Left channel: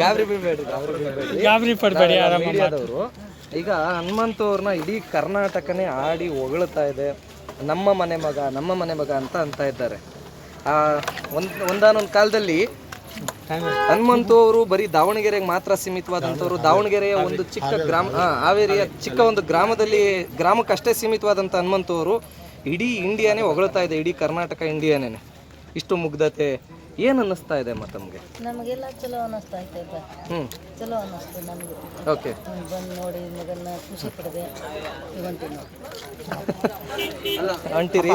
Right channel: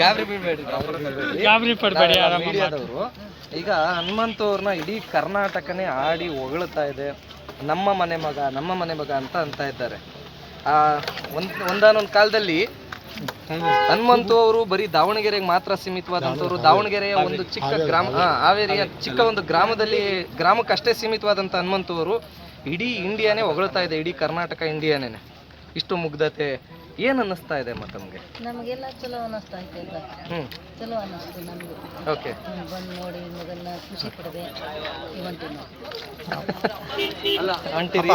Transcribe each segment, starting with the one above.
ಗಾಬರಿ ಬೀಳ್ಬೇಡ್ರಿ, ಗಾಬರಿ ಪಡಬೇಡಿ. ಮೀಡಿಯಾದವರು ಈಗ ಹನುಮಂತು ಅವ್ರನ್ನ ಇಡೀ ಕರ್ನಾಟಕನೇ ಆಡಿ ಹೊಗಳ್ತಾ ಇದೆ. ನಮ್ಮ ಮನೆ ಮಗ ಅಂತ ಇದ್ದಾರೆ. ಒಂದಾನೊಂದು ಕಾಲದಲ್ಲಿ ಹನುಮಂತು ಅವರು ಬರೀ ದಾವಣಗೆರೆಗೆ ಮಾತ್ರ ಸೀಮಿತವಾದಂಥವ್ರು. ದಾವಣಗೆರೆಯ ಒಂದು ಚಿಕ್ಕ ಗ್ರಾಮ, ಹಾವೇರಿಯ ಚಿಕ್ಕ ಒಂದು ಗ್ರಾಮಕ್ಕಷ್ಟೇ ಸೀಮಿತವಾದಂಥ ಹನುಮಂತು ಅವರು ಇಡೀ ಇಂಡಿಯಾನೇ ಹೊಗಳ್ತಾ ಇದೆ, ಇಡೀ ಕರ್ನಾಟಕ ಇಂಡಿಯಾನೇ. ಇಷ್ಟು ಮುಗ್ಧತೆ ಏನು ಅನ್ನಿಸ್ತಾ ಇದೆ ಮತ್ತೆ ನಮಗೆ? ನಮಗೆಲ್ಲ ಚಲೋ ಅನ್ನಿಸ್ತಾ ಐತೆ. ಚಲೋ ಅನ್ನಿಸ್ತು ನಮಗೆ. ಓಕೆ, ಬಂದು ನೋಡಿ ಮೊದಲ ಖುಷಿ ಪಡಿದೆ. ಹೊಂಟಿರಿ.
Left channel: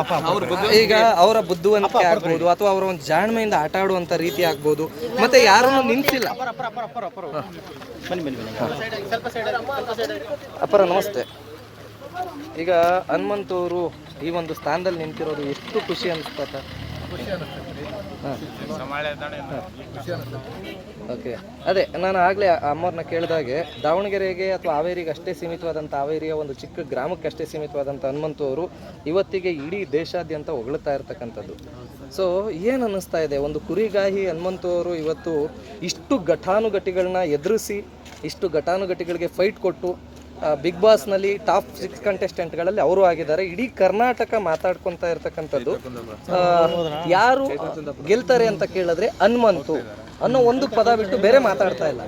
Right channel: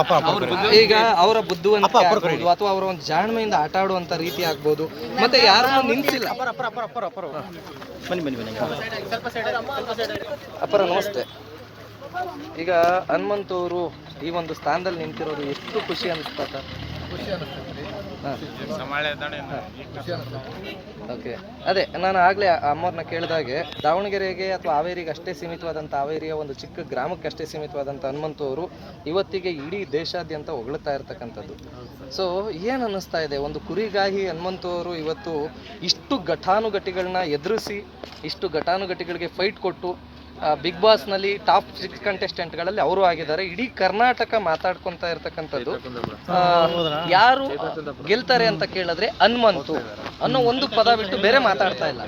ಈಗ ಅವರ ಬುದ್ಧಿವಂತಿಕೆ ಆಗ್ಬೋದು ಅಥವಾ ಅವರ ಒಂದು ಜಾಣ್ಮೆಯಿಂದ ಆಟ ಆಡುವಂಥ ರೀತಿ ಆಗ್ಬೋದು, ಮತ್ತೆ ಯಾರನ್ನು ನಿಂತಿಲ್ಲ. ಅಪ್ಪರ ನಮಸ್ತೆ. ಈಗ ಹನುಮಂತು ಅವರು ಈ ಒಂದು ಸ್ಥಾನದಲ್ಲಿ ನಿಂತಿರೋದು ಎಷ್ಟು ಖುಷಿ ಅನಿಸ್ತದ? ಓಕೆ, ಅದೇ ನಾನು ಆಗಲೇ ಅಮ್ಮವ್ರನ್ನ ಕೇಳಿದಾಗೆ ದಾವಣಗೆರೆಗೆ ಅಥವಾ ಹಾವೇರಿಗೆ ಅಷ್ಟೇ ಸೀಮಿತವಾದಂಥ, ಹಾವೇರಿಯ ಒಂದು ಚಿಕ್ಕ ಗ್ರಾಮಕ್ಕೆ ಅಷ್ಟೇ ಸೀಮಿತವಾದಂಥ ಹನುಮಂತು ಅವರು ಇವತ್ತಿಗೆ ಇಡೀ ದೇಶಾದ್ಯಂತ ಹೊಗಳ್ತಾ ಇರ್ತಕ್ಕಂಥದ್ದು. ಸೊ ಏನು ಅನ್ನಿಸ್ತಾ ಇದೆ? ಒಂದು ಕುರಿಗಾಹಿ ಹನುಮಂತು ಅವರು ಇವತ್ತು ಇಷ್ಟು ಘಟಾನುಘಟಿಗಳನ್ನ ಎದುರಿಸಿ, ಇಷ್ಟು ಘಟಾನುಘಟಿಗಳಿಗೆ ಫೈಟ್ ಕೊಟ್ಟು ಬಿಗ್ ಬಾಸ್ನಲ್ಲಿ ಟಾಪ್ 6 ಕಂಟೆಸ್ಟೆಂಟ್ಗಳಲ್ಲಿ ಅವರು ಆಗಿದ್ದಾರೆ. ಇಡೀ ಕರ್ನಾಟಕ ಮಾತಾಡ್ಕೊತಾ ಇರ್ತಕ್ಕಂಥದ್ದು ಯಾರು ಗೆಲ್ತಾರೆ ಅಂತ ಕೇಳಿದ್ರೆ ಹನುಮಂತು ಅನ್ನೋ ಒಂದು ಪದ ಬಿಟ್ಟು ಬೇರೆ ಮಾತಾಡ್ತಾ ಇಲ್ಲ.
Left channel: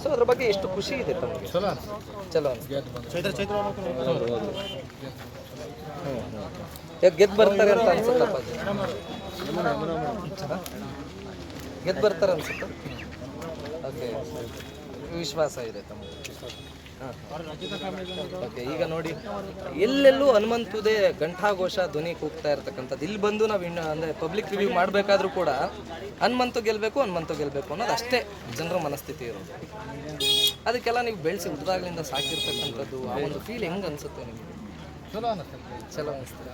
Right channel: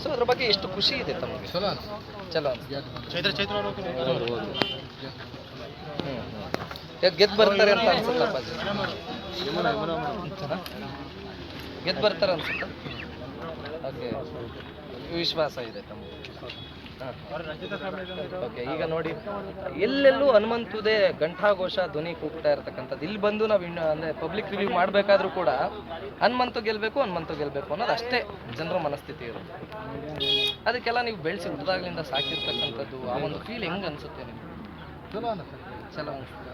ಸೊ ಅದ್ರ ಬಗ್ಗೆ ಎಷ್ಟು ಖುಷಿ ಇದೆ ತಮಗೆ? ಚಲೋ ಗೆದ್ದು ಬರ್ತಾರೆ ಅಂತ ಅನ್ಸುತ್ತಪ್ಪ. ಗೆದ್ದು ಬರ್ತಾರೆ ಅನ್ಸುತ್ತೆ. ಓಕೆ, ವಿಶ್ವಾಸ ಇದೆ ತಮಗೆ? ಓಕೆ, ಈಗ ನೋಡಿ ಎಲ್ಲೆಲ್ಲೂ ಹನುಮಂತುದೇ ಘಂಟಾಘೋಷ ಧ್ವನಿ ಕೂಗ್ತಾ ಇರ್ತಕ್ಕಂಥದ್ದು. ಇಲ್ಲಿ ಬಂದು ನಾವು ಅಂದರೆ ಪಬ್ಲಿಕ್ ರಿವ್ಯೂ ಮಾಡಬೇಕಾದ್ರೂ ಕೂಡ ಹನುಮಂತು ಗೆಲ್ಲಬೇಕು ಅನ್ನೋದು ಅಷ್ಟೇ ಜನರ ಮನಸ್ಥಿತಿ ಇರೋದು. ಅದಕ್ಕೆಲ್ಲ ನೀವು ಬೆಳೆಸಿ ಹುಟ್ಟಿದಾಗಲಿಂದ ಸಾಕಿರ್ತಕ್ಕಂಥದ್ದು, ಆ ಒಂದು ಫೀಲ್ ಹೆಂಗೆ ಅನಿಸುತ್ತೆ ನಿಮಗೆ? ಚಲೋ ಅನಿಸ್ತಾ?